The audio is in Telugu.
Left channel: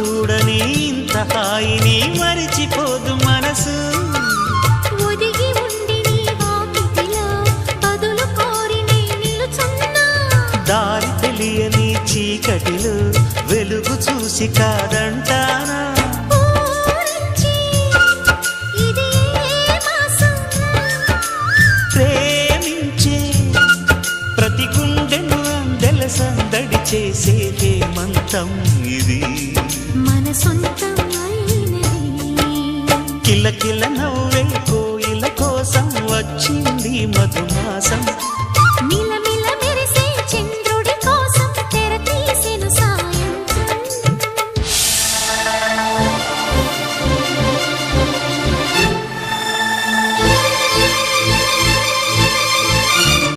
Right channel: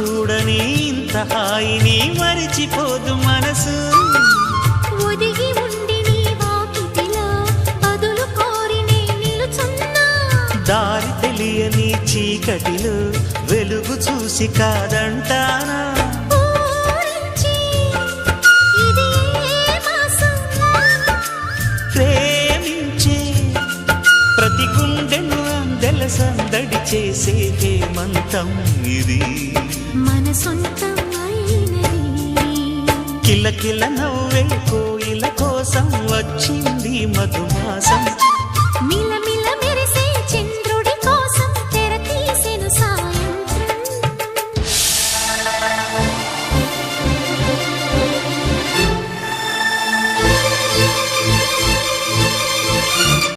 చూడని ఇంత హాయిని మరిచిపోదు మనసు. ఒదిగి ఉండి నీ వాకిటిలో బదులు కోరి నే నిలుచున్నా. దారి తెలియని చీకటిలో వెలుగు చూసి కాదంటానా. ప్రేమించే ప్రతి గుండెను అందెల సందడి చేసే హేమంతం ఇది. మన సొంతం అయినది. కిలకిల నవ్వే కోయిల కోసం వచ్చింది మధుమాసం.